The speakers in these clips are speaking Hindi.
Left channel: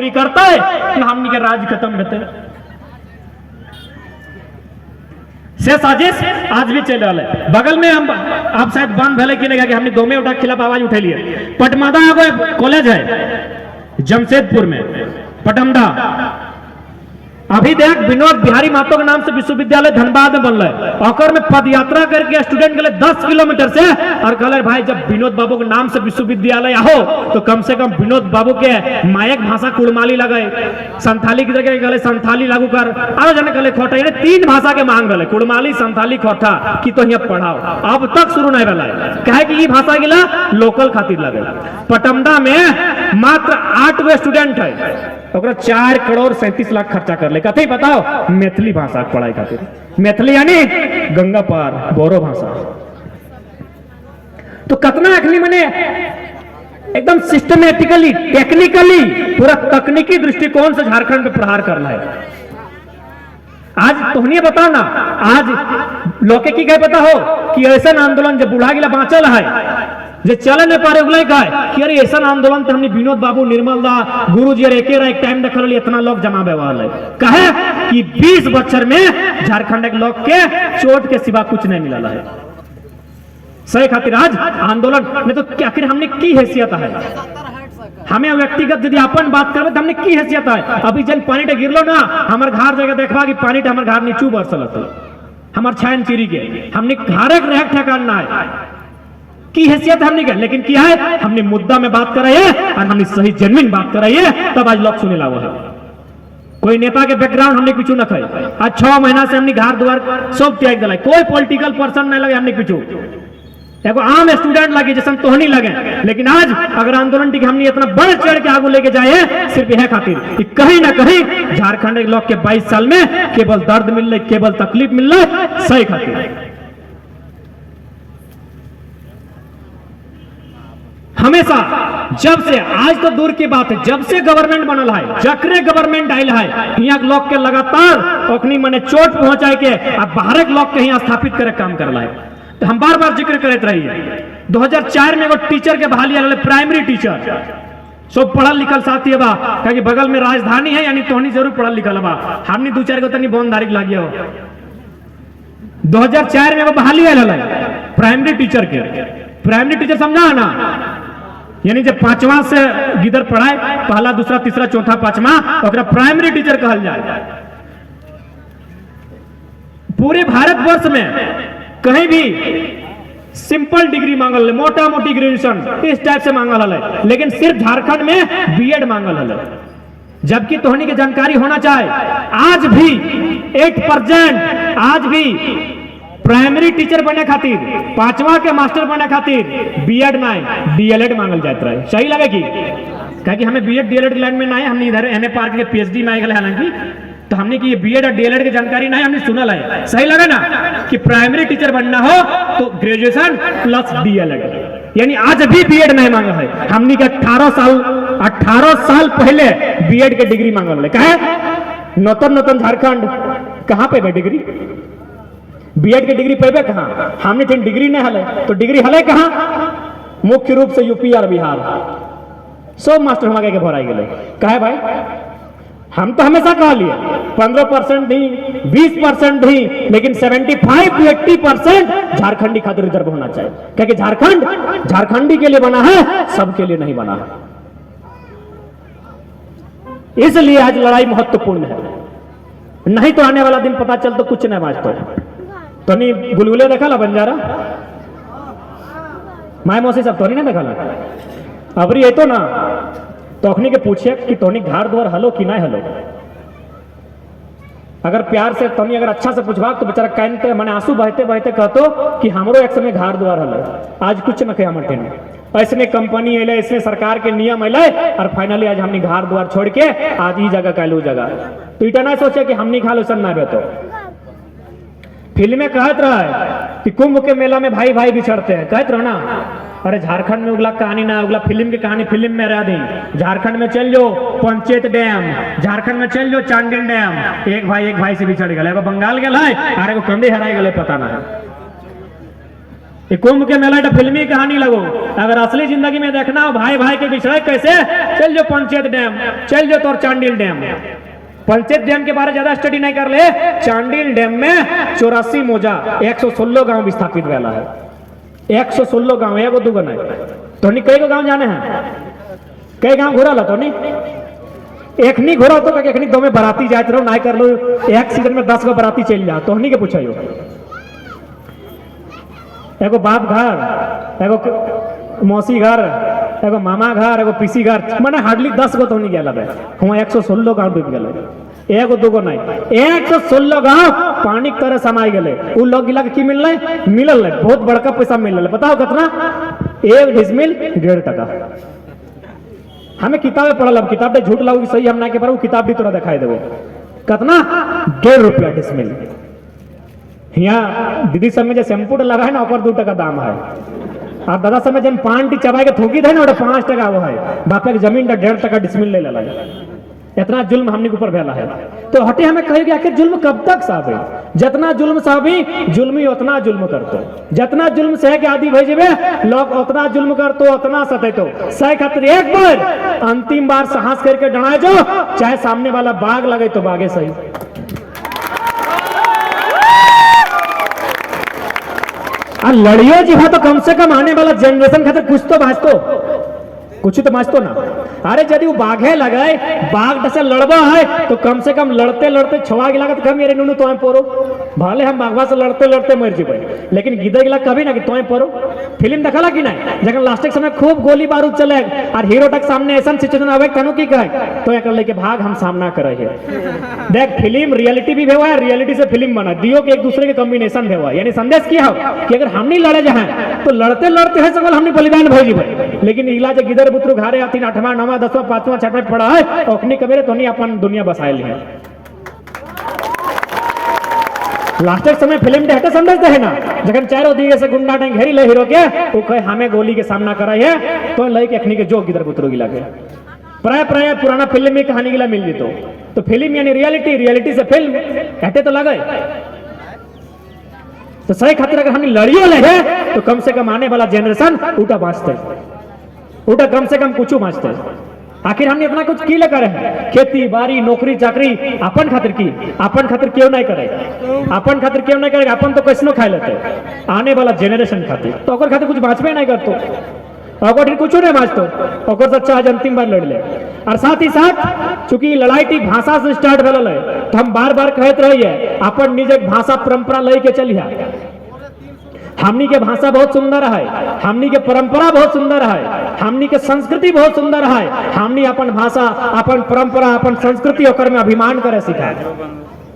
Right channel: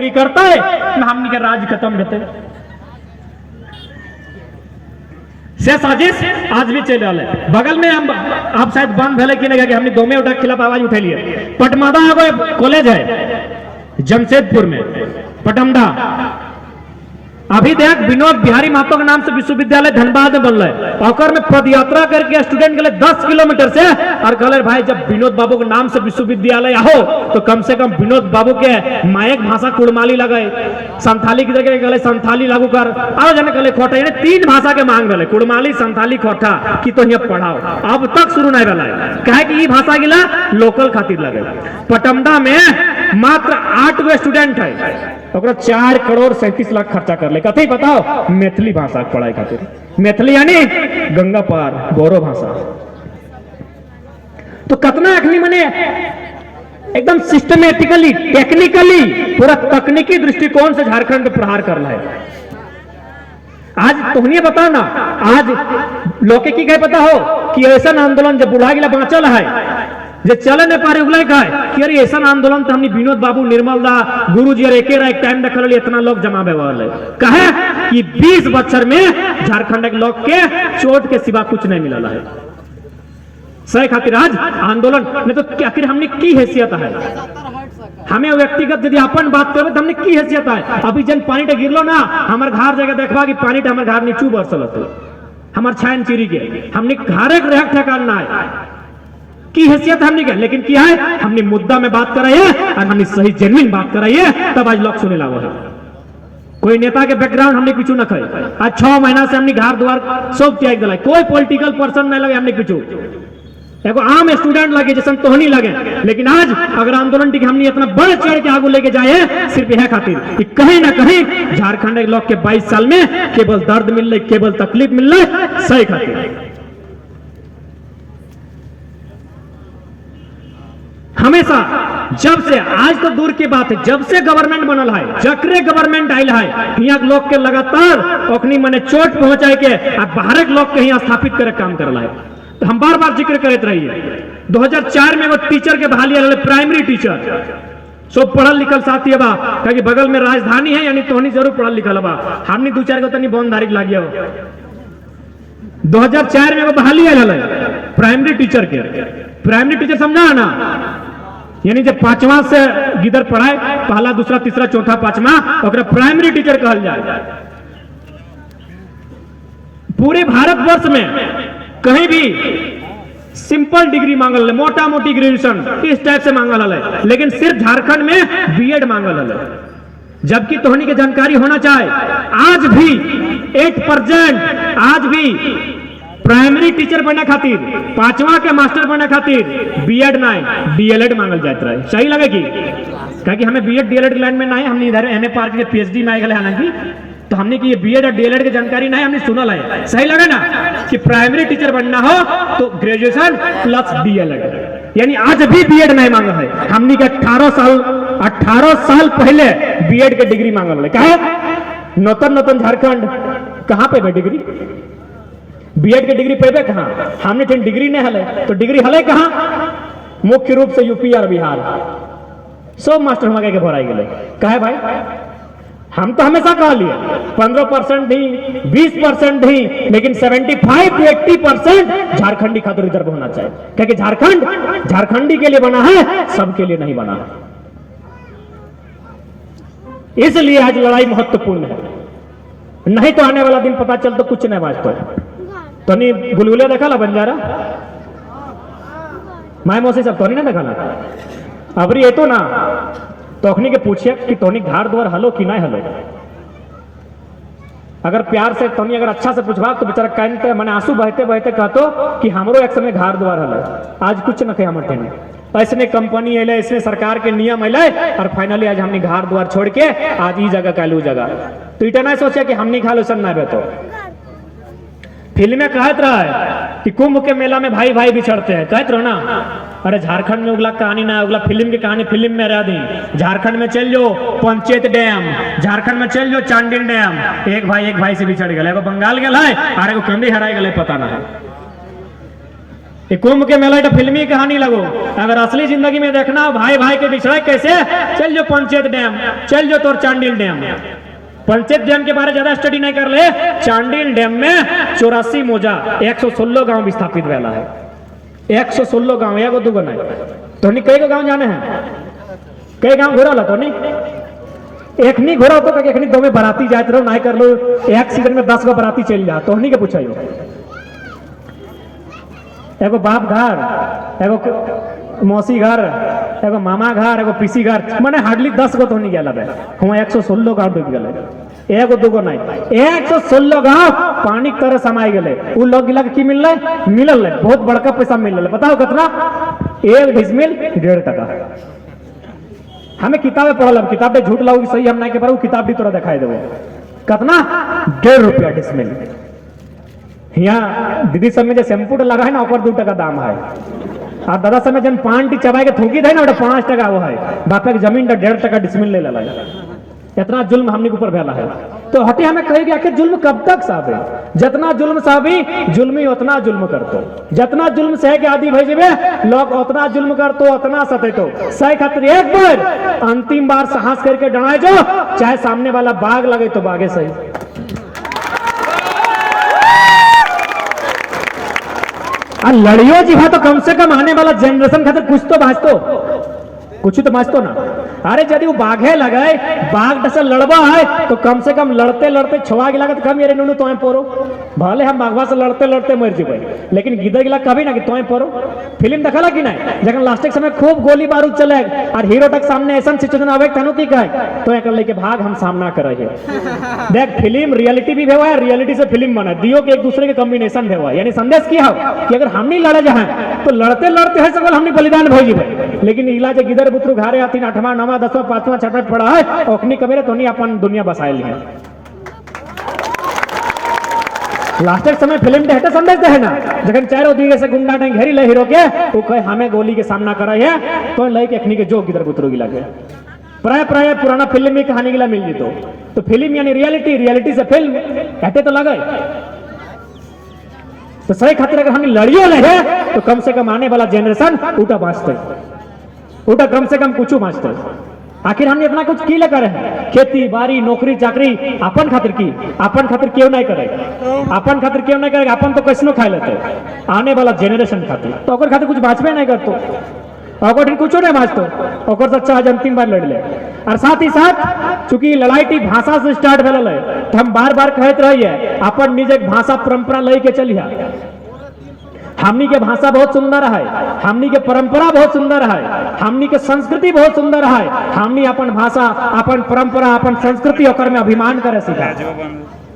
नौकरी करता है कि हमनी के राज खत्म रहते से साजिश आज भी चल रहा है। बगल में हम आप शायद बंद भले कि नहीं कि हमने दो में उठा खिलाफ आवाज उठे लिए। पटमदा कॉलेज है जमशेदपुर में, पटमदा। अभी देख विनोद बिहारी महतो के नाम से विश्वविद्यालय धनबाद में बन रहा है और में पद यात्रा करके स्टूडेंट के लिए 10 किलोमीटर से और कहले भाई जब विनोद बाबू के नाम से विश्वविद्यालय हो तो कम से कम विनोद बाबू के मायक भाषा कुड़माली लगाए, संथाली की जगह गले संथाली लागू कर और जने गले खोटा, यानी 3 भाषा के मांग रहे कुड़माली संथाली खोटा की तो यहाँ पढ़ाओ। अब तक शुरू नहीं रहा है कहे कि भाषा गिला लोकल खातिर लगे। पटमदा में मात्र 8 गो स्टूडेंट है, 4 करोड़ 37 लाख खर्चा कर ले कथी बताओ मैथिली भाषा पढ़ाई खातिर। मैथिली यानी गंगा पार बोरो भाषा। तो कितना अखनी मने एकदम सिस्टमेटिकली टेक्निकली पूरा तकनीकी दृष्टिकोण से झारखंड में प्रहार करना है। आज तुम्हें बताओ ना, आज लोके की पता हो कि ऐसा आंदोलन जब बुढ़ा गिला बाँचल है जे चले न पारे उगले का कि अरे ऐसा आंदोलन तो हमने विनोद बाबू निर्मल दा गुरुजी और एक टाइम देखल लिए इतना लोग जमा बेवाल कहे कि 20 बच्चर में झारखंड के लोग के चोट के सिवा कुछ नहीं मिला है। सही खातिर आज आंदोलन में तो आखिर हमने की हैसियत है, हमें व्यक्तिगत यदि अपन बात करें तो हमने की हैसियत है। अभी जन पानी टे गिरलो ना हमारे घर जगह देखवा कि पानी हमारे घर नीचू बरसल हमारे छान चिरी के हमने घरक रह ठेकान ना है की हैसियत हमने कर, लेकिन क्या है हमने मुद्दा में बात कर रहे हैं और हमने सही जेन्युइन बात कर रही है तब आज लोग सुने लागू है। कोई नेता के बैकग्राउंड हमने पीछू न खाए। आज 6 महीना से हमने घर द्वार सब त्याग दिला, कोई पॉलिटिकल पर्सन नहीं लगे हमने पीछू, एगो आम स्टूडेंट लगे जैसे तो नहीं लगे। लेकिन आज अगर आंदोलन की हमने इतना बढ़ चढ़ के आगे लेके जाए सिर्फ यह खातिर कि कहीं ना कहीं झारखंड के लोग के 22 साल में केवल दर्द मिल रही, केवल तकलीफ मिल रही, सही खातिर हमेशा जब से आज तो दूर की बात है जब से गवर्नमेंट बनल है जकरे गवर्नमेंट आयल है यहाँ लोग के लगातार ओखनी मने चोट पहुंचाए के और बाहर के लोग के यहाँ स्थापित करे काम कर रहा है। तो हम बार बार जिक्र करते रहिए 2004 में वो टीचर के बहाली आए प्राइमरी टीचर सब पढ़ल लिखल साथी बा क्योंकि बगल में राजधानी है यानी तोहनी जरूर पढ़ल लिखल बा, हमने 2-4 को तनी बंधारी लागी हो। 2004 में वो बहाली आयल है प्राइमरी टीचर के। प्राइमरी टीचर समझा ना यानी जब 5वां से गिदर पढ़ाए पहला दूसरा तीसरा चौथा 5वां ओकरा प्राइमरी टीचर कहल जाए। पूरे भारतवर्ष में कहीं भी सिंपल डिग्री मांगल है, मोटा मोटी ग्रेजुएशन इस टाइप से मांगल है, लेकिन सिर्फ झारखंड में बीएड मांगल है। जबकि तोहनी की जानकारी होना चाहे आज भी 8% आज भी प्राइमरी टीचर बने खातिर 5वां के मास्टर बने खातिर बीएड नहीं डीएलएड मांगल जाता है। सही लगे कि हमें बीएड डीएलएड लाइन में नहीं, हमने इधर एमए पार के पीएचडी में आए हालांकि तो हमने की ये बीएड और डीएलएड की जानकारी नहीं हमने सुना है। सही लगे ना कि प्राइमरी टीचर बनना हो तो ग्रेजुएशन प्लस डीएलएड, यानी आज भी बीएड नहीं मांगा है। हमने के 18 साल पहले बीएड के डिग्री मांगल है। कहे नौतन झारखंड कहाँ पे है डिग्री, बीएड के डिग्री पेबे कहाँ, हमने फिर डिग्री नहीं हले तो डिग्री हले कहाँ, मुख्य रूप से यूपी और बिहार सब मास्टर हमारे के भराई गए। कहे भाई हम तो हमेशा कह लिए 15% दी 20% दी, लेकिन 75 to 80% झारखंडी खातिर रिजर्व होना चाहिए, क्योंकि झारखंड झारखंडी के लिए बना है, सबके लिए नहीं बना है। इसलिए आज लड़ाई महत्वपूर्ण है, नहीं तो आने वाला दिन पता चल तो कुछ नहीं बाजता। तो नहीं गुलगुले देखा बंजारा माय मौसी सब तो नहीं देखा अबरी ये तो ना तो अखनी के पूछे कि तोनी घर द्वार हलो कि नहीं हलो। अगर प्यार से तोनी अगर अच्छा से पूछवा तो बेचारा कहते मैंने आंसू बहते बहते कहतो कि हमरो एक समय घर द्वार हलो। आज कुछ न कहे हमर ऐसने कंपनी अले, ऐसने सरकार के नियम अले और फाइनली आज हमने घर द्वार छोड़ के आज ई जगह कालू जगह तो इतना नहीं सोचे कि हमने खा लो सब ना बेतो। फिल्म में कहत रहा है कि कुंभ के मेला में भाई भाई बिछड़ते हैं, कहत रहो ना। अरे झारखंड में उगला कहानी ना, उगला फिल्म की कहानी फिल्म में रह दी। झारखंड में चल जो पंचायत डैम, झारखंड में चल जो चांडिल डैम, एक भाई से बिछड़ गए, एगो बंगाल गए और एगो कंदी हराई गए, पता ना है। ये कुंभ के मेला एक फिल्मी कहानी लगो, अगर असली जिंदगी में देखना हो भाई भाई के बिछड़े कैसे, चल जो पंचायत डैम, चल जो तोर चांडिल डैम। पंचायत डैम के बारे ज्यादा स्टडी नहीं कर ले, चांडिल डैम में 84 मौजा 116 गांव विस्थापित वाला है। 116 गांव, एगो दूगो नहीं। तो कई गो गांव जाने हैं, कई गांव घोरा ला तो एक नहीं घोरा तो एक नहीं दो में बराती जाते रहो, नहीं कर लो एक सीजन में 10 गो बराती चल जा, तो के पूछा एगो बाप घर, एगो मौसी घर, एगो मामा घर, एगो पीसी घर, मैंने हार्डली 10 गो तो नहीं गया लगे हूँ। 116 गांव डूब गए, एगो दूगो नहीं, 116 गांव पानी की तरह समाई गए। उ लोग गिला की मिल रहा मिलल है, बहुत बड़का पैसा मिल रहा है। बताओ कितना? 1 डिसमिल 1.5 टका। हमें किताबें पढ़ल, हम किताब पे झूठ लाओ सही हम नहीं के पारू, किताब भी तोरा दिखाई देवो कितना 1.5 रुपया डिसमिल। यहाँ दीदी सब में जो शैम्पू लगा है ना ऊपर 2 टका दाम है, और दादा सब में जन पान टी चबाई के थूकी थे ना 5 टका वो है। बापे की जमीन 1.5 टका डिसमिल ले ला। इतना जुल्म हमने के ऊपर फैला है। तो हटे हमें कही गया कि जुल्म कब तक साबे, जितना जुल्म साबी जुल्मी उतना जुल्म करतो, जितना जुल्म सह के आदि भेजबे लोग उतना जुल्म करतो, उतना सतेतो। सही खातिर एक बार अंतिम बार साहस करके डराए जो, चाहे सामने वाला बाघ लगे तो बाघे सही। लड़ियो जी हाँ, तो कम से कम आने वाला जनरेशन खातिर कुछ तो बाँचतो, कुछ तो बाँचतो ना। अरे यदि वो बाघे लगाए, बाघ से लड़वा है तो कम से कम लड़ते लड़ते छुआ गिला तो कम मेरे नुनू तुम्हें पोरो, भले हम बाघवा से लड़ते लड़ते मर जीवे, लेकिन गिद्ध गिला कभी ना कि तुम्हें पोरो। फिल्म देखला कि नहीं, जब लास्ट के समय खूब गोली बारूद चले और हीरो तक सामने ऐसा सिचुएशन आवे तनो की कहे तो एक लेके भाग हम सामना करे है। देख फिल्म रियलिटी भी भेवा है, रियलिटी से फिल्म बना दियो कि एक दूसरे के कॉम्बिनेशन भेवा, यानी संदेश की है कि अगर हम नहीं लड़े जाए तो लड़ते लड़ते है सवाल हमने बलिदान भेजी भाई, लेकिन इलाज गिदर बुतरू घारे आती 8वां 9वां 10वां 5वां 6वां पड़ा है ओखनी कबेरे तो नहीं अपन दुनिया बसाए ली है। लास्टर समय फिल्म दे हटे संदेश दे है ना, जगन चारों दिगे से गुंडा ने घेरी ले हीरो के वो कहे हमें गोली के सामना करा है तो लई के अखनी के जो गिदर बुतरू गिला के प्राय प्राय पुराना फिल्म में कहानी गिला मिल जीतो। तो फिल्म यानी रियलिटी, रियलिटी से फिल्म हटे तो लगे। तो सही खातिर अगर हम लड़ियों ले है तो कम से कम आने वाला जनरेशन उठा बाँचते, उठा कम से कम कुछ बाँचते। आखिर हमने अपना कुछ की करे हैं, खेती बाड़ी नौकरी चाकरी अपन खातिर की, अपन खातिर क्यों नहीं करे, अपन खातिर क्यों नहीं करे, अपन तो कैसनो खा लेते। आने वाला जनरेशन खातिर तो ओकर खातिर कुछ बाँचबे नहीं करतो, ओकर कुछ नहीं बाँचतो, ओकर तो अच्छा आज अंतिम बार लड़ ले। और साथ ही साथ चूंकि लड़ाई की भाषा से स्टार्ट भेल है तो हम बार बार कहते रहिए अपन निज भाषा परंपरा लई के चलिए। हमनी के भाषा बहुत सुंदर है, हमनी के परंपरा बहुत सुंदर है, हमनी के संस्कृति बहुत सुंदर है। हमनी अपन भाषा अपन परंपरा अपन संस्कृति ओकर में अभिमान करे सीखा,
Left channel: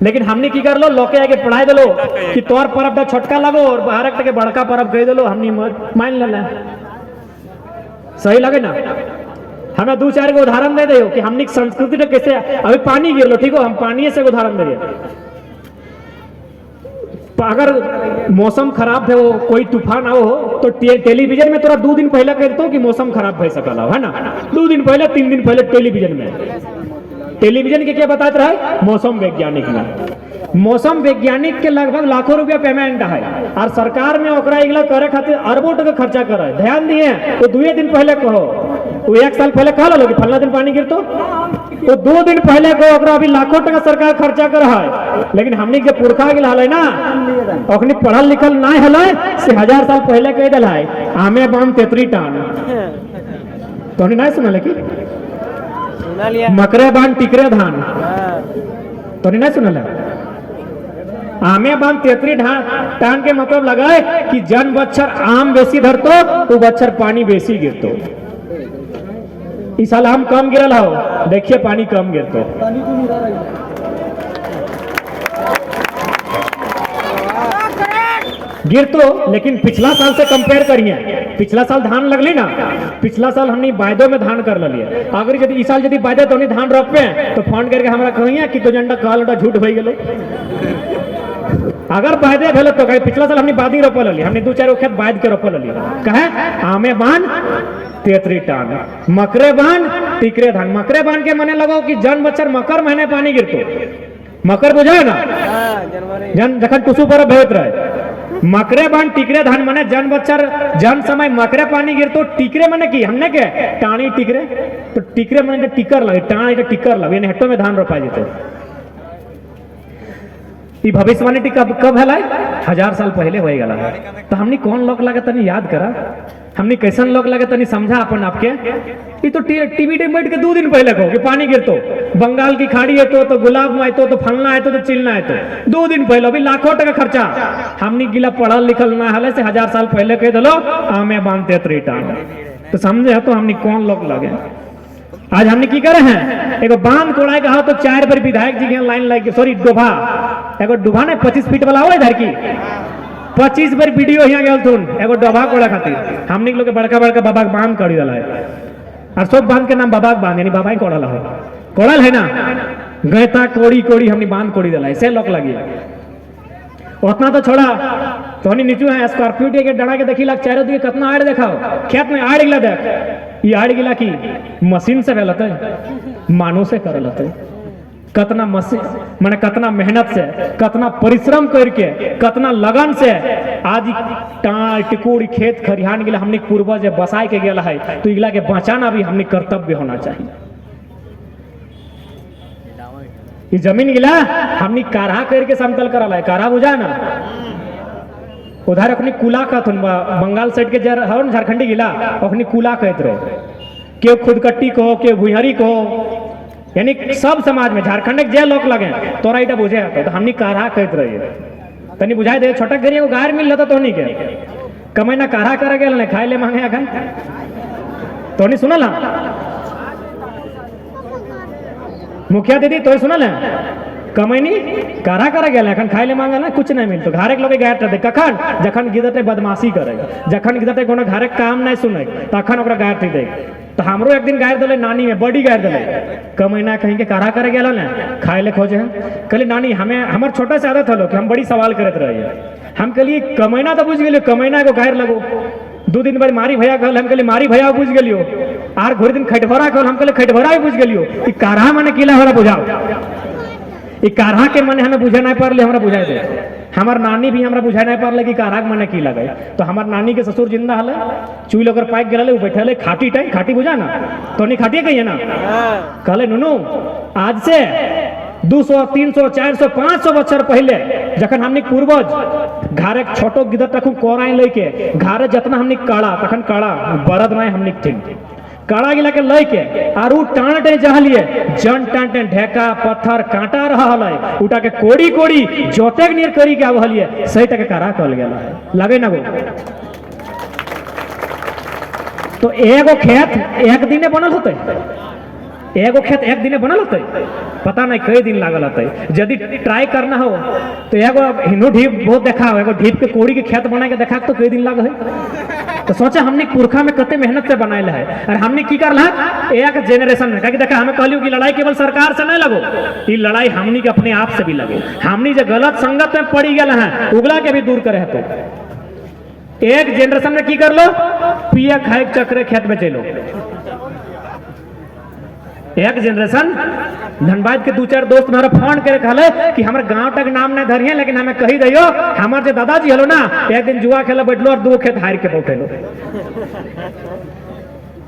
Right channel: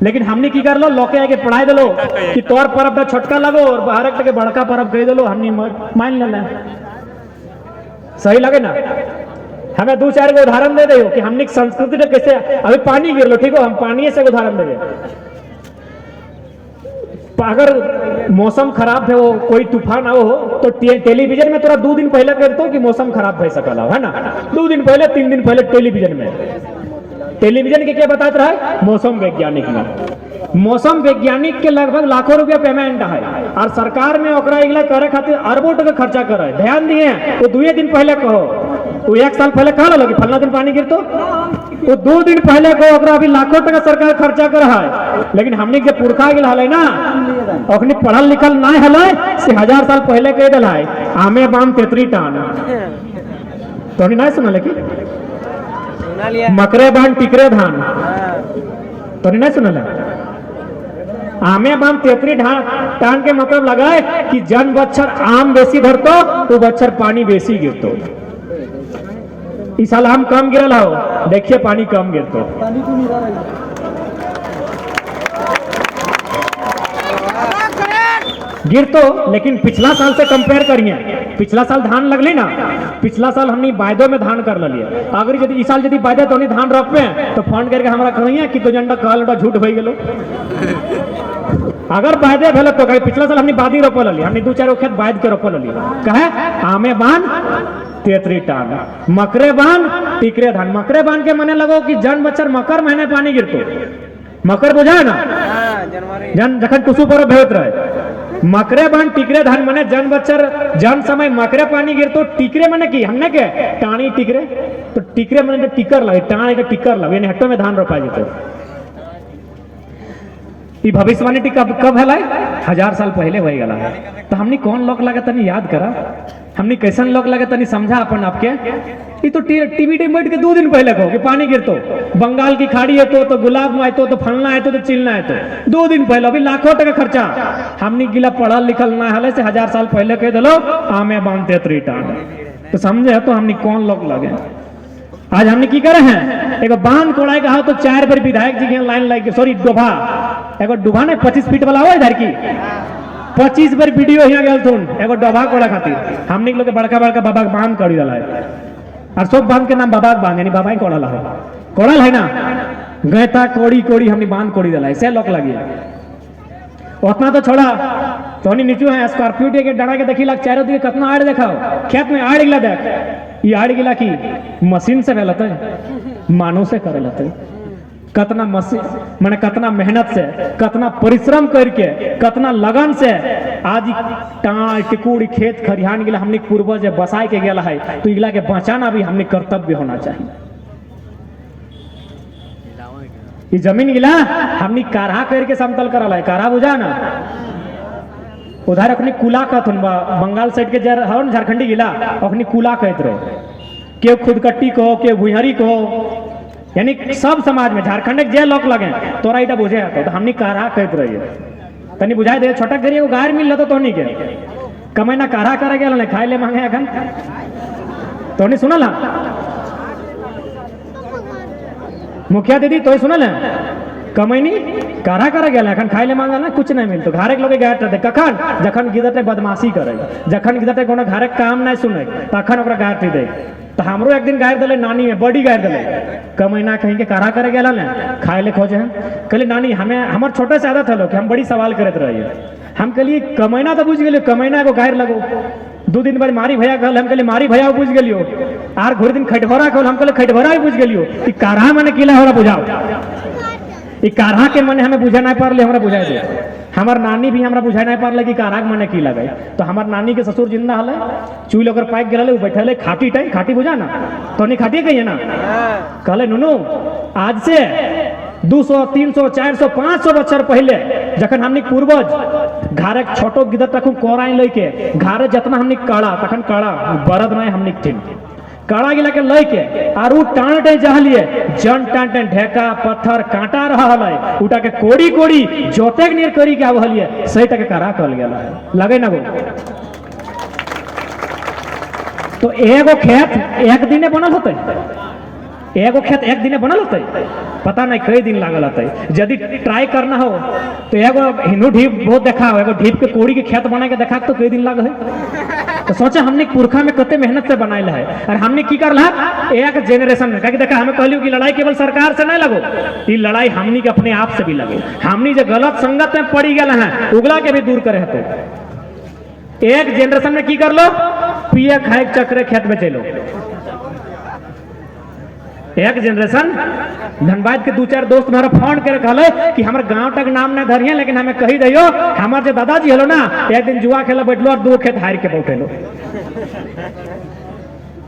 लेकिन हमनी की कर लो लोके आके पढ़ाई दलो कि तोर पर्व का छोटका लगो और भारत के बड़का पर्व कह दलो, हमनी मान ले। सही लगे ना? हमें 2-4 को उदाहरण दे दो कि हमनी संस्कृति तो कैसे, अभी पानी गिर लो ठीक हो, हम पानी से उदाहरण दे रहे। अगर मौसम खराब है, वो कोई तूफान आओ तो टेलीविजन में तोरा 2 दिन पहले कहते हो कि मौसम खराब भय सकल है ना, 2 दिन पहले 3 दिन पहले टेलीविजन में, टेलीविजन के क्या बताते रहे, मौसम वैज्ञानिक में। मौसम वैज्ञानिक के लगभग लाखों रुपया पेमेंट है और सरकार में ओकरा इगला करे खातिर अरबों टका खर्चा करे। ध्यान दिए तो 2 दिन पहले कहो, वो 1 साल पहले कहा लो कि फलना दिन पानी गिरतो, तो 2 दिन पहले को ओकरा अभी लाखों टका सरकार खर्चा कर है। लेकिन हमने के पुरखा गिल हले ना, ओखनी पढ़ल लिखल नहीं हले से 1000 साल पहले कह दल है आमे बाम तेतरी टान, तो नहीं सुना कि मकरे बान टिकरे धान, तो नहीं सुना आमे बाम तेतरी टान के मतलब लगाए कि जन बच्चर आम बेसी धरतो तो बच्चर पानी बेसी गिरतो। इस साल आम कम गिरल हो, देखिए पानी कम गिरतो। गिर तो लेकिन पिछला साल से कंपेयर करिए, पिछला साल धान लगली ना, पिछला साल हमने वायदों में धान कर लिया। अगर यदि इस साल यदि वायदे तो नहीं धान रोपे तो फोन करके हमारा कहिए कि तो झंडा काल झूठ भई गेलो। अगर वायदे भेल तो कहे पिछला साल हमने बादी रोपल लिया, हमने 2-4 खेत बाद के रोपल लिया, कहे आमे बान तेतरी टान मकरे बान टिकरे धान। मकरे बान के मने लगो कि जन बच्चर मकर महीने पानी गिरतो, मकर बुझाए ना जन जखन टुसु पर भेत रहे मकरे बन टिकरे धान मने जन बच्चर जन समय मकरे पानी गिर तो टिकरे मने की हमने के टाणी टिकरे तो टिकरे मने टिकर लगे टाणी के टिकर लगे यानी हेक्टो में धान रोपा जेते ई भविष्यवाणी कब कब है 1000 साल पहले हो गला तो हमनी कौन लोग लगे तनी याद करा हमनी कैसन लोग लगे तनी समझा अपन आपके ये तो टीवी डिबेट के 2 दिन पहले कहो कि पानी गिरतो बंगाल की खाड़ी है तो गुलाब में आयतो तो फलना है तो चिलना है तो 2 दिन पहले अभी लाखों टका खर्चा हमनी गिला पढ़ल लिखल ना हले से 1000 साल पहले कह दलो आमे बांधते त्रिटा तो समझे तो हमनी कौन लोग लगे आज हमने की करे हैं एगो बांध कोड़ाई कहा तो 4 बार विधायक जी के लाइन लग सॉरी डोभा एगो डोभा ने 25 फीट वाला हो इधर की 25 बार वीडियो यहाँ गया थून एगो डोभा कोड़ा खातिर हमने लोग बड़का बड़का बाबा बांध करी दला है और सब बांध के नाम बाबा बांध यानी बाबा ही कोड़ल है कोड़ल है ना गैता कोड़ी कोड़ी हमने बांध कोड़ी दला है से लोग लगी उतना तो छोड़ा तो नीचू है स्कॉर्पियो के डरा के देखी लाग चारों दिए कितना आड़ देखाओ खेत में आड़ गिला देख ये आड़ गिला की मशीन से गलत है मानव से कर है कतना मशीन माने कतना मेहनत से कतना परिश्रम करके कतना लगन से आज टिकुड़ी खेत खरिहान गिला हमने पूर्वज बसाए के गया है तो इगला के बचाना भी हमने कर्तव्य होना चाहिए ये जमीन गिला हमने काढ़ा करके समतल करा है काढ़ा बुझा ना उधर अपनी कुला कहत बंगाल साइड के झारखंडी गिला अपनी कुला कहत रहे क्यों खुदकट्टी कहो क्यों भुहरी कहो यानी सब समाज में झारखंड के जे लोग लगे तोरा इटा बुझे तो हमनी काढ़ा कहत रही तनी बुझाई दे छोटा करिए वो गायर मिल रहा तो नहीं के कमैना काढ़ा करे गया खाए ले मांगे अखन तो नहीं सुनल मुखिया दीदी तो सुनल है कमैनी काढ़ा करे गया अखन खाए ले मांगे ना कुछ नहीं मिलतो घरे के लोग गायर दे कखन जखन गिदटे बदमाशी करे जखन गिदटे कोनो घरे काम नहीं सुने तखन ओकरा गायर दे तो हमरो एक दिन गायर दले नानी में बड़ी गायर दले कमैना कहीं के काढ़ा करे गया ना खाए ले खोजे हम कहले नानी हमें हमार छोटे से आदत हलो कि हम बड़ी सवाल करत रहिए हम कहलिए कमैना तो बुझ गेलियो कमैना को गायर लगो 2 दिन बाद मारी भैया कहल हम कहलिए मारी भैया बुझ गेलियो आर घोर दिन खटभरा कहल हम कहले खटभरा ही बुझ गेलियो कि काढ़ा माने किला हमरा बुझाओ ई काढ़ा के माने हमें बुझा नहीं पारले हमरा बुझाए दे हमार नानी भी हमरा बुझा नहीं पारले कि काढ़ा के माने की लगे तो हमार नानी के ससुर जिंदा हले चुई लोगर पाइक गेले उ बैठले खाटी टाइम खाटी बुझा ना तो नहीं खाटी कहिए ना कहले नुनू आज से 200 300 400 500 बच्चर पहले जखन हमनी पूर्वज घारे छोटो गिदर तक कोराई लेके घारे जितना हमनी काड़ा तखन काड़ा बरद नहीं हमनी थिन काड़ा गिला के लेके आरू टांटे जहलिए जन टांटे ढेका पत्थर कांटा रहा है उठा के कोड़ी कोड़ी जोते नियर करी के आवहलिए सही तक काड़ा कहल गेला लगे ना वो तो एगो खेत एक दिने बनल होते एगो खेत एक दिने बनल होते पता नहीं कई दिन लागल होते यदि ट्राई करना हो तो एगो हिंदू ढीप बहुत देखा हो एगो ढीप के कोड़ी के खेत बना के देखा तो कई दिन लग है तो सोचा हमने पुरखा में कते मेहनत से बनाए है और हमने की कर एक जेनरेशन में कहीं देखा हमें कहलियो कि लड़ाई केवल सरकार से नहीं लगो ये लड़ाई हमनी के अपने आप से भी लगे हमनी जो गलत संगत में पड़ी गए हैं उगला के भी दूर करे तो एक जेनरेशन में की कर लो पिए खाए चक्रे खेत में चलो एक जनरेशन धनबाद के 2-4 दोस्त हमारा फोन कर कहले कि हमारे गांव तक नाम नहीं धरिए लेकिन हमें कही दियो हमारे जो दादाजी हलो ना एक दिन जुआ खेला बैठलो और 2 खेत हार के बैठेलो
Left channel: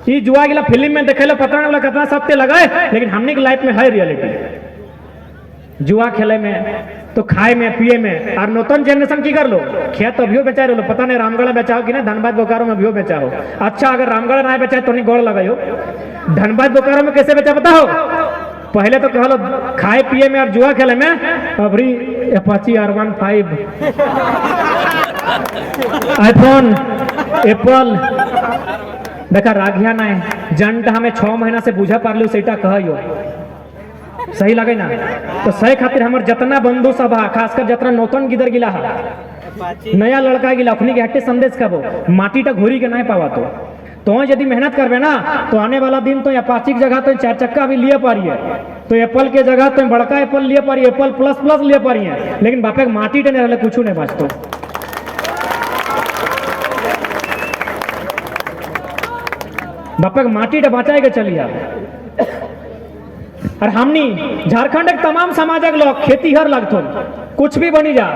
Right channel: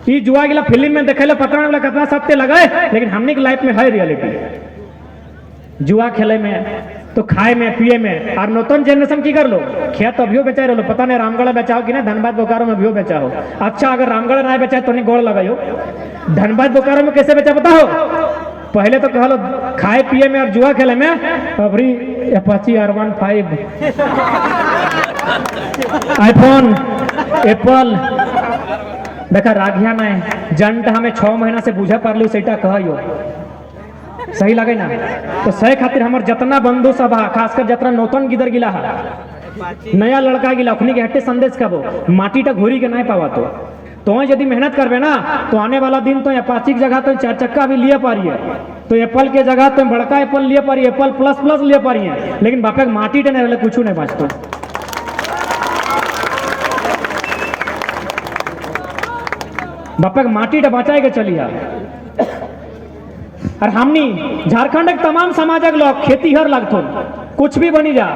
ये जुआ गिला फिल्म में देखेलो पता नहीं कितना सत्य लगे लेकिन हमने की लाइफ में है रियलिटी जुआ खेले में तो खाए में पिए में और नूतन जनरेशन की कर लो खेत अभियो बेचा रहो पता नहीं रामगढ़ बेचाओ कि ना धनबाद बोकारो में अभियो बेचा हो अच्छा अगर रामगढ़ ना बेचा तो नहीं गोड़ लगाई हो धनबाद बोकारो में कैसे बेचा पता हो पहले तो कहलो खाए पिए में और जुआ खेले में अबरी अपाची R15 आईफोन एप्पल देखा राघिया ना जंट हमें 6 महीना से बुझा पार लो सेटा कहियो सही लगे ना तो सही खातिर हमार जितना बंधु सब है खासकर जितना नौतन गिदर गिला है नया लड़का गिला अपनी के हट्टे संदेश कबो माटी टा घोरी के नहीं पावा तो यदि मेहनत करबे ना तो आने वाला दिन तो अपाची की जगह तो 4 चक्का भी लिए पारिए तो एप्पल के जगह तो बड़का एप्पल लिए पारिए एप्पल प्लस लिए पारिए लेकिन बापे माटी टा नहीं कुछ नहीं बाँचतो बापे माटी टा बचाए के चलिए और हमनी झारखंड के तमाम समाजक लोग खेतीहर लगथुन कुछ भी बनी जा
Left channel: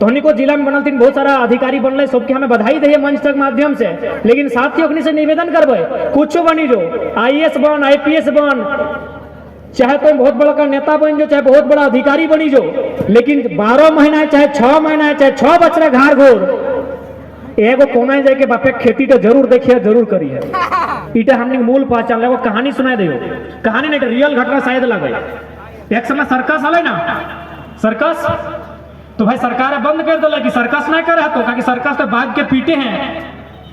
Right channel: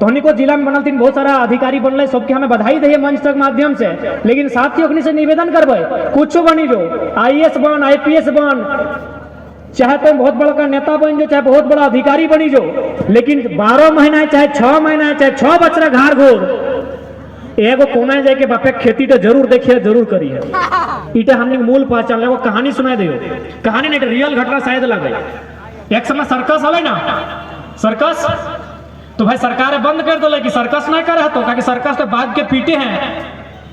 तो धोनी को जिला में बनल थी, बहुत सारा अधिकारी बनल, सबके हमें बधाई दे मंच तक माध्यम से। लेकिन साथियों से निवेदन करबे, कुछ बनी जो, IAS बन, IPS बन, चाहे तो बहुत बड़ा का नेता बन जो, चाहे बहुत बड़ा अधिकारी बनी जो, लेकिन 12 महीना चाहे 6 महीना चाहे 6 बच्चा घर घोर एगो कोना जाके बापे खेती तो जरूर देखिए, जरूर करिए। इटा हमने मूल पहचान ले। कहानी सुनाई दे, कहानी नहीं रियल घटना शायद लगे। एक समय सर्कस हले ना, सर्कस तो भाई सरकार बंद कर दिले कि सर्कस नहीं करे तो, ताकि सर्कस तो बाघ के पीटे हैं,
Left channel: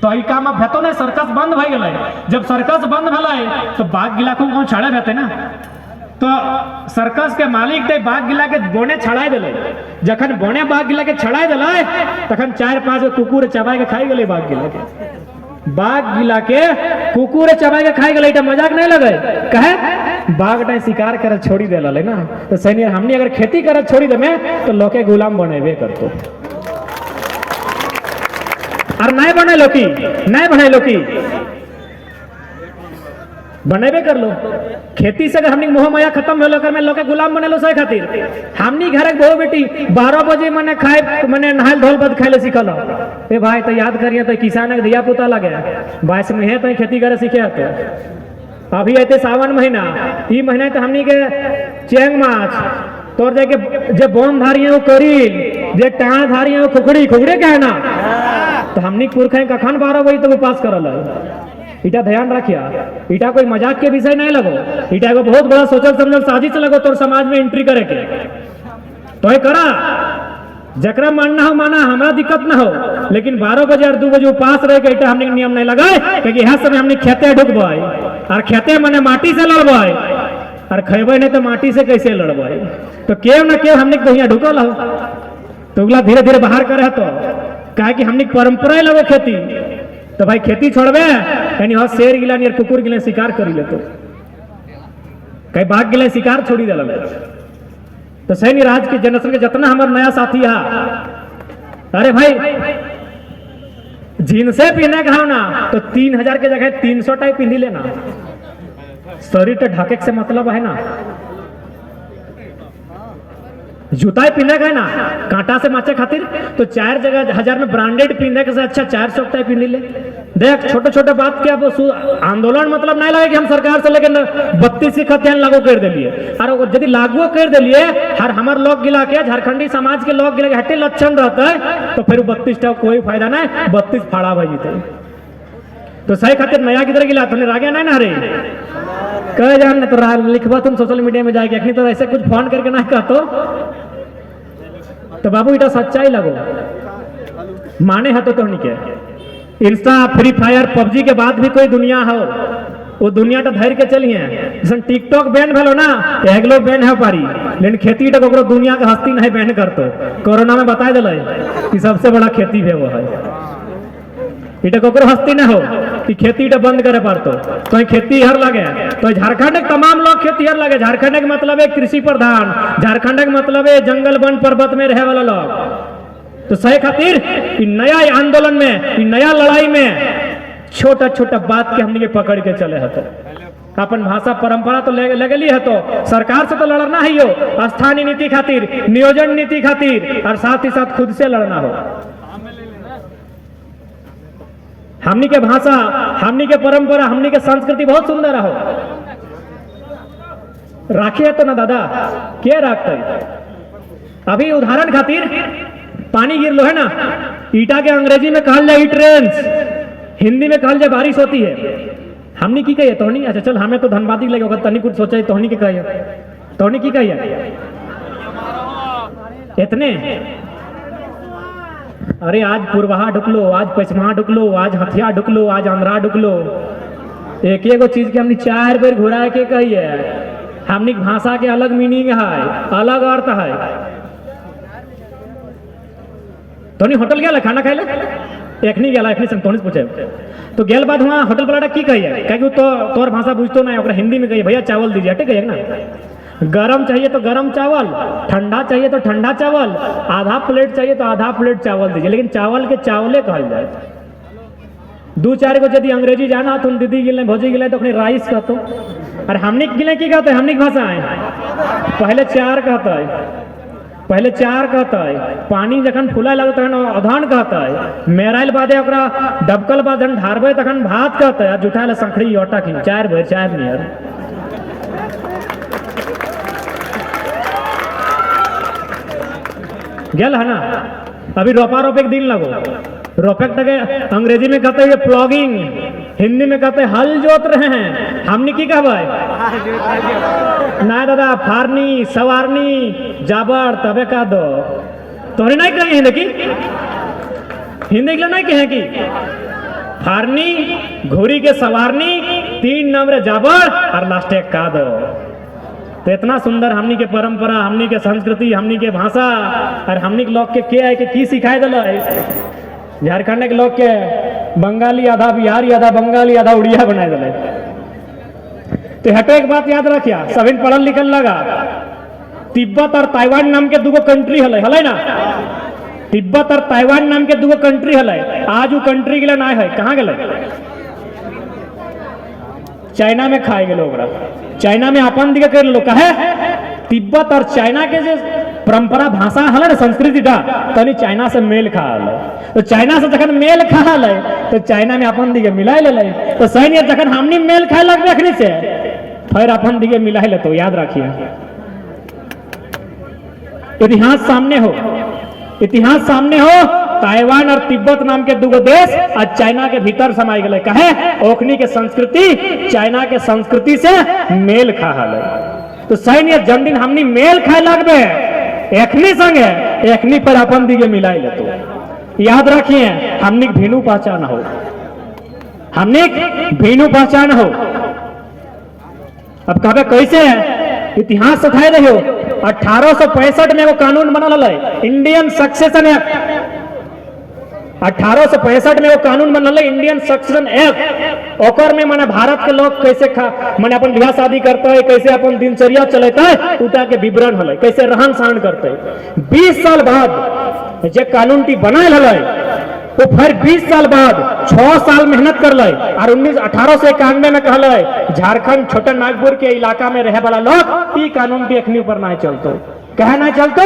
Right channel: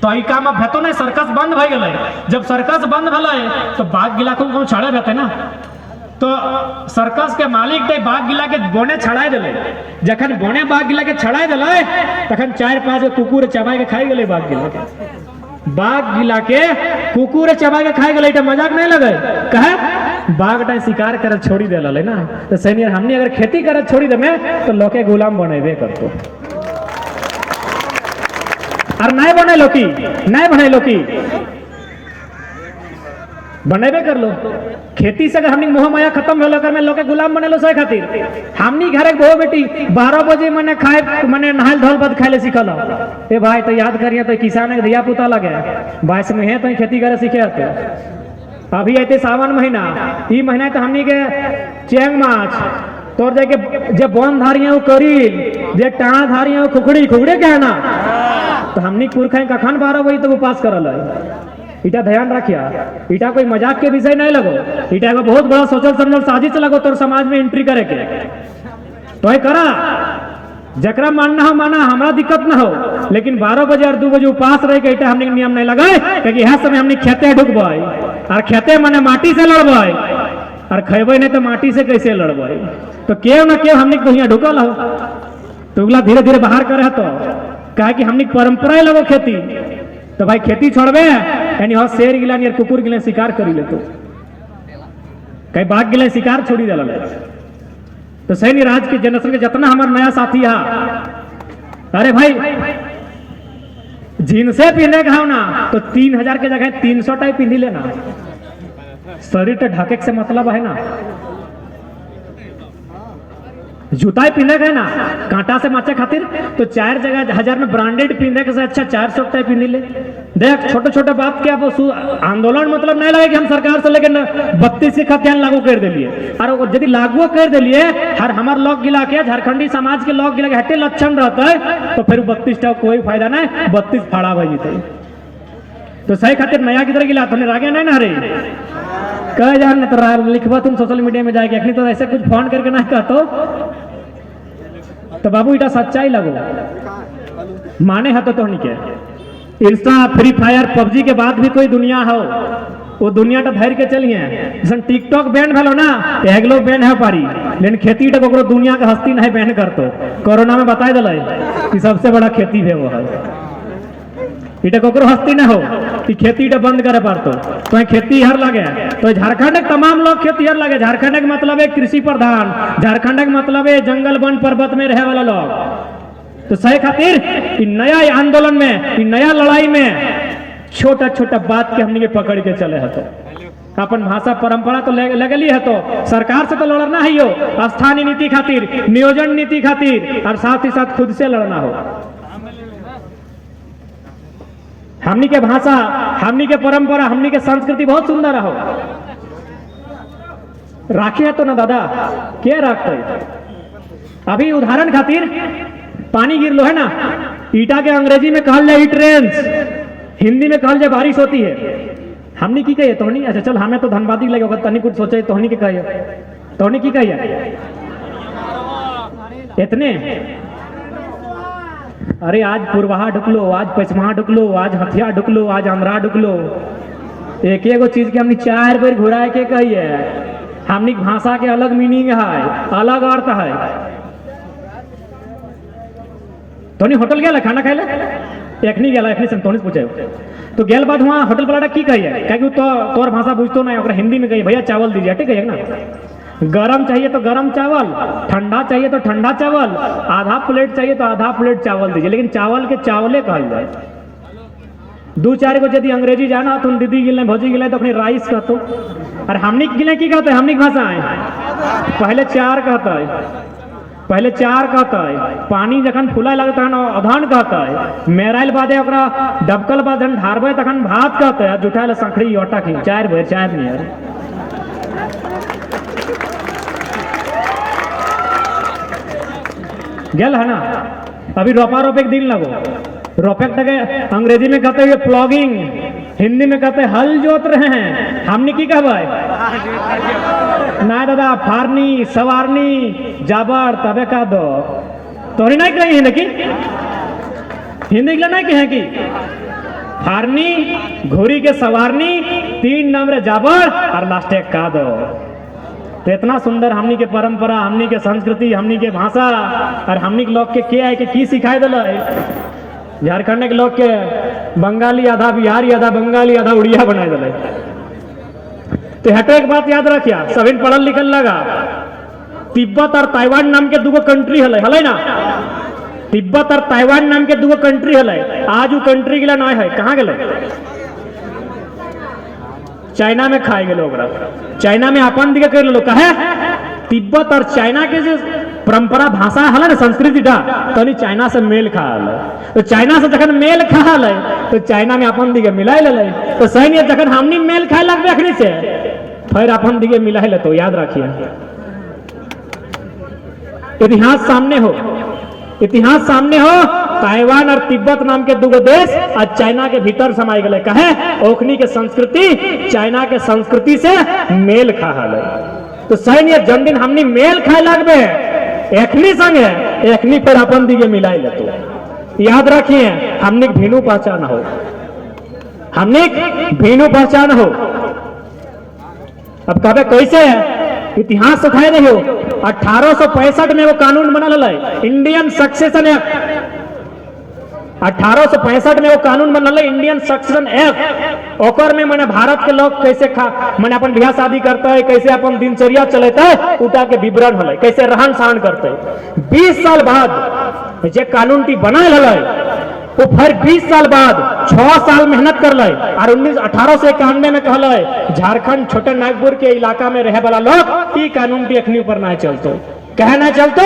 तो ई काम अब हेतो नहीं, सर्कस बंद भ गेलै। जब सर्कस बंद भेलै तो बाघ गिला को कौन छाड़े रहते ना, तो सर्कस के मालिक दे बाघ गिला के बोने छड़ाई दिले। जखन बोने बाघ गिला के छड़ाई दिले तखन 4-5 गो कुकुर चबाई के खाई गेले बाघ गिला के। बाघ गिला के कुकुर चबाई के खाई गेले, मजाक नहीं लगे। कहे बाघ टाइम शिकार कर छोड़ी दे ना, तो सैनिक हमने अगर खेती कर छोड़ी दे तो लोके गुलाम बनेबे करतो। और नहीं बने लोकी, नहीं बने लोकी बनेबे कर लो। खेती से अगर हमनी मोह माया खत्म हो कर में लोके गुलाम बने लो सही खातिर। हमनी घर एक बहु बेटी 12 बजे मने खाए, मने नहाल धोल बद खाए ले सिखल। ए भाई तो याद करिए, तो किसान के धिया पुता लगे 22 में है तो खेती करे सीखे तो। अभी आते सावन महीना, ई महीना तो हमनी के चेंग माछ तोर जाके जे बन धारिया करील, जे टाणा धारिया खुखड़ी, खुखड़ी के है ना, तो हमनी पुरखा कखन 12 बजे तक उपास करल है। इटा ध्यान रखिया, इटा कोई मजाक के विषय नहीं लगो, इटा को बहुत बड़ा सोचल समझल साजिश लगो तोर समाज में एंट्री करे के। तो ये करा, जकरा मानना हो माना, हमारा दिक्कत ना हो, लेकिन 12 बजे और 2 बजे उपास रहे के इटा हमने नियम नहीं लगाए, क्योंकि यह समय हमने खेते ढुकबाई, और खेते मने माटी से लड़बाई, और खेबे नहीं तो माटी से कैसे लड़बाई। तो केव ना केव हमने तो ढुकल हो, तो धीरे धीरे बाहर करे तो कहा कि हमने परंपरा लगो खेती। तो भाई खेती छोड़बे यानी हाँ शेर गिला नहीं कुकुर गिले शिकार करी ले, तो कई बाघ गिले शिकार छोड़ी दिला। तो सैन्य राज के जनरेशन के जितना हमारा नया साथी है, अरे भाई जींस पहने का ना तो 3000 के जगह 300 टाइप पिंधी लेना। शरीर तो ढाके से मतलब है ना, जूता पहने का है ना कांटा से बचे खातिर, तो 4 जगह 1000 में ब्रांडेड पहने के से अच्छा 400 टाइप पिंधी ले। देख छोटे छोटे बात के अब आंदोलन मतलब नहीं लगे कि हम सरकार से लेकिन 32 खतियान लागू कर दिलिए, और यदि लागू कर दिलिए हर हमार लोग गिला के झारखंडी समाज के लोग गिला के हटे लक्षण रहता है, तो फिर 32 का कोई फायदा नहीं, 32 फाड़ा भाई जीते। तो सही खातिर नया किधर गिला तो रागे नहीं ना रे कह जान तो लिखवा तुम सोशल मीडिया में जाके, अखनी तो ऐसे कुछ फोन करके ना कहतो। तो बाबू इटा सच्चाई लगो माने है तो नहीं के इंस्टा फ्री फायर पबजी के बाद भी कोई दुनिया हो, वो दुनिया तो धैर्य के चलिए। जैसे टिकटॉक बैन भेलो ना, एगलो बैन है पारी, लेकिन खेती तो दुनिया के हस्ती नहीं बैन करतो। कोरोना में बता दिल कि सबसे बड़ा खेती है वो है, इटा कोकरो हस्ती ना हो कि खेती इटा बंद करे पारतो। तो खेती हर लगे, तो झारखंड के तमाम लोग खेती हर लगे। झारखंड के मतलब है कृषि प्रधान, झारखंड के मतलब है जंगल वन पर्वत में रहे वाला लोग। तो सही खातिर नया आंदोलन में, नया लड़ाई में छोटा छोटा बात के हमने पकड़ के चले है। अपन भाषा परंपरा तो लगली है, तो सरकार से तो लड़ना ही हो, स्थानीय नीति खातिर, नियोजन नीति खातिर, और साथ ही साथ खुद से लड़ना हो। हमनी के भाषा, हमनी के परंपरा, हमनी के संस्कृति बहुत सुंदर हो। राखिए तो ना दादा क्या रखते। अभी उदाहरण खातिर पानी गिर लो है ना, ईटा के अंग्रेजी में कहल जाए ट्रेंस, हिंदी में कहल जाए बारिश होती है। हमनी की कहिए तोहनी, अच्छा चल हमें तो धनबादी लगे होगा, तनी कुछ सोचे तोहनी के कहिए, तोहनी की कहिए इतने। अरे आज पूर्वाहा ढुकलो, आज पश्चिमा ढुकलो, आज हथिया ढुकलो, आज आंध्रा ढुकलो, एक एगो चीज के हमने 4 बार घुरा के कहिए। हमनी भाषा के अलग मीनिंग है, अलग अर्थ है। तोनी होटल गया खाना खाए एखनी गया, एखनी से तोनी पूछे तो गेल बाद वहाँ होटल वाला की कहिए, क्या तो तोर भाषा बुझतो ना, हिंदी में कहिए भैया चावल दीजिए, ठीक है ना। गरम चाहिए तो गरम चावल, ठंडा चाहिए तो ठंडा चावल, आधा प्लेट चाहिए तो आधा प्लेट चावल दीजिए, लेकिन चावल के चावले कहल जाए। 2-4 को यदि अंग्रेजी जाना तुम दीदी गिले भौजी गिले तो अपने राइस कहते, और हमनी गिले की कहते, हमनी भाषा है पहले 4 कहते है। पहले चार कहता है, पानी जखन फूला लगता है ना अधन कहता है, मेराइल बादे ओकरा डबकल बाद जन ढारबे तखन भात कहता है, जुटाइल संखड़ी ओटा की चार भर चार नियर गेल है ना। अभी रोपा रोपे के दिन लगो, रोपे तक अंग्रेजी में कहते हैं प्लॉगिंग, हिंदी में कहते हैं हल जोत रहे हैं, हमने की कहबे ना दादा फारनी सवारनी जाबर तबे का दो तोरे नहीं कही हिंदी की, हिंदी के नहीं कहे कि फारनी घोड़ी के सवारनी 3 नंबर जाबर और लास्टे का दो। तो इतना सुंदर हमनी के परंपरा, हमनी के संस्कृति, हमनी के भाषा और हमनी के लोग के क्या है कि की सिखाए दिल। झारखंड के लोग के बंगाली आधा बिहारी आधा बंगाली आधा उड़िया बनाए दिल। तो हटे एक बात याद रखिया, सभी पढ़ल लिखल लगा, तिब्बत और ताइवान नाम के दूगो कंट्री हले ना, तिब्बत और ताइवान नाम के दूगो कंट्री हले। आज वो कंट्री के लिए ना है, कहाँ गए? चाइना में खाए गए लोग, चाइना में अपन दिखे कर लोग कहे तिब्बत और चाइना के जो परंपरा भाषा हल ना संस्कृति था तो चाइना से मेल खा हल। तो चाइना से जखन मेल खा हल तो चाइना में अपन दिखे मिला ले। तो सही जखन हमनी मेल खाए लगे अखनी से फिर अपन दिखे मिला ले। तो याद रखिए इतिहास सामने हो, इतिहास सामने हो, ताइवान और तिब्बत नाम के दूगो देश आज चाइना के भीतर समाये गए। कहे ओखनी के संस्कृति चाइना के संस्कृति से मेल खा हल। तो सही जन हमनी मेल खाए लगबे एखनी संगे एखनी पर अपन दिगे मिलाई ले। तो याद रखिए हमने भीनु पहचान हो, हमने भीनु पहचान हो। अब कहबे कैसे है, इतिहास सिखाए रही हो। 1865 में वो कानून बनल है इंडियन सक्सेशन एक्ट, 1865 में वो कानून बनल है इंडियन सक्सेशन एक्ट। ओकर में मैंने भारत के लोग कैसे मैंने अपन ब्याह शादी करते है, कैसे अपन दिनचर्या चलते है उटा के विवरण हल, कैसे रहन सहन करते। 20 साल बाद जे कानून टी बनाल हल वो फिर 20 साल बाद 6 साल मेहनत कर ले और 1891 में कहले झारखंड छोटे नागपुर के इलाका में रहे वाला लोग ई कानून टी अखनी ऊपर ना चलते। कहे ना चलतो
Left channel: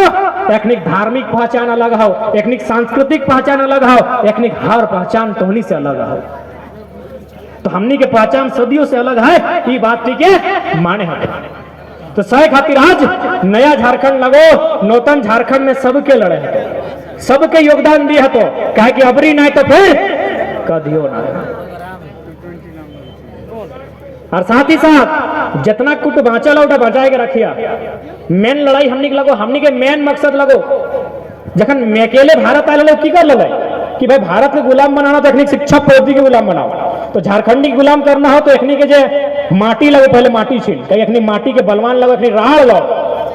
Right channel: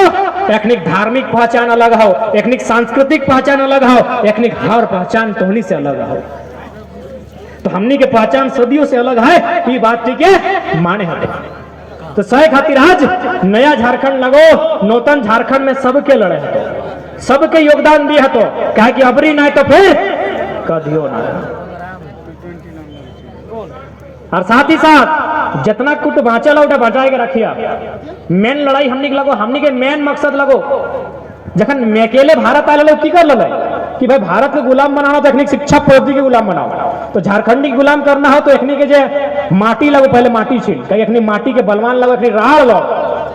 एखनिक धार्मिक पहचान अलग हो, एखनिक सांस्कृतिक पहचान अलग हो, एखनिक हर पहचान तोहनी से अलग हो। तो हमनी के पहचान सदियों से अलग है, ये बात ठीक है माने हटे। तो सही खातिर आज नया झारखंड लगो, नूतन झारखंड में सबके लड़े हटे, सबके योगदान दिए तो कहे कि अबरी नहीं तो फिर कदियो ना। और साथ ही साथ जितना कुछ बाँचा ला बचाए के रखिया। मेन लड़ाई हमनी के लगो, हमनी के मेन मकसद लगो जखन मैं अकेले भारत आए की कर लगे कि भाई भारत के गुलाम बनाना तो एखनी शिक्षा पद्धति के गुलाम बनाओ। तो झारखंडी के गुलाम करना हो तो एखनी के जे माटी लगे पहले माटी छीन कहीं एखनी माटी के बलवान लगे, एखनी राड़ लो,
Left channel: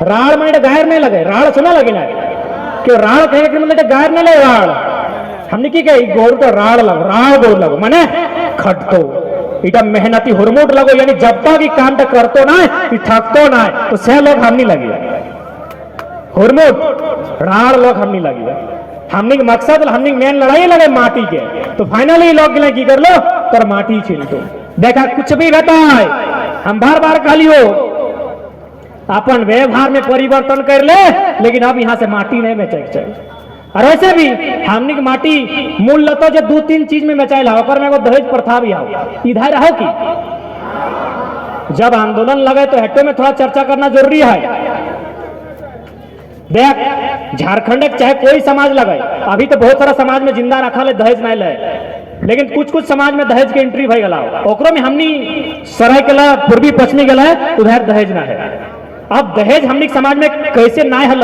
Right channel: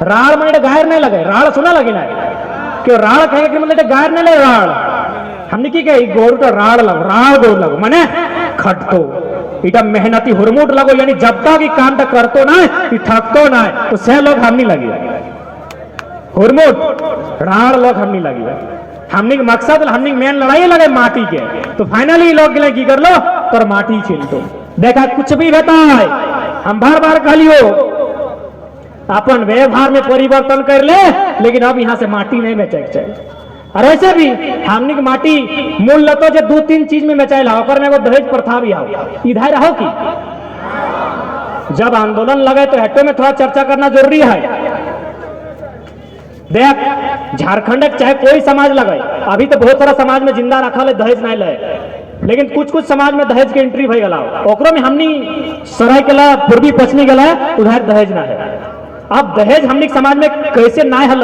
राड़ में गायर नहीं लगे, राड़ सुना लगे ना कि राड़ कहे कि मतलब गायर नहीं लगे, राड़ हमने की कही गोड़ का राड़ लग, राड़ गोड़ लगो माने खटतो इटा मेहनती हुरमुट लगो, यानी जब तक की काम तक करतो ना थकतो ना तो सह लोग हमनी लगी हुरमुट राड़ लोग हमनी लगी। हमनी के मकसद हमनी मेन लड़ाई लगे माटी के। तो फाइनली लोग गिला की कर लो पर माटी छीन तो देखा कुछ भी रहता है। हम बार बार कहलियो अपन व्यवहार में परिवर्तन कर ले, लेकिन अब यहाँ से माटी नहीं बेचे चाहिए। और ऐसे भी हमनी की माटी मूल लता जो 2-3 चीज में बेचाइल में दहेज प्रथा भी आओ इधर रहो की जब आंदोलन लगे तो हट्टे में थोड़ा चर्चा करना जरूरी है। देख झारखंड चाहे कोई समाज लगे, अभी तो बहुत सारा समाज में जिंदा रखा ले दहेज नहीं ले, लेकिन कुछ कुछ समाज में दहेज के एंट्री भई गला ओकरो में हमनी सराय के पूर्वी पश्चिमी गला उधर दहेज ना है। अब दहेज हमनी समाज में कैसे ना हल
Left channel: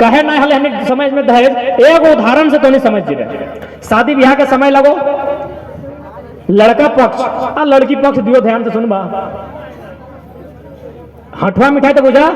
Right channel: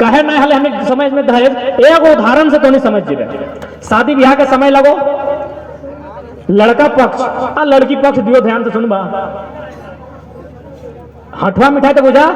कहे ना हल हमनी समाज में दहेज एक उदाहरण से तो नहीं समझ जीवे। शादी ब्याह के समय लगो लड़का पक्ष लड़की पक्ष दियो ध्यान से सुनबा हठवा मिठाई तो बुझा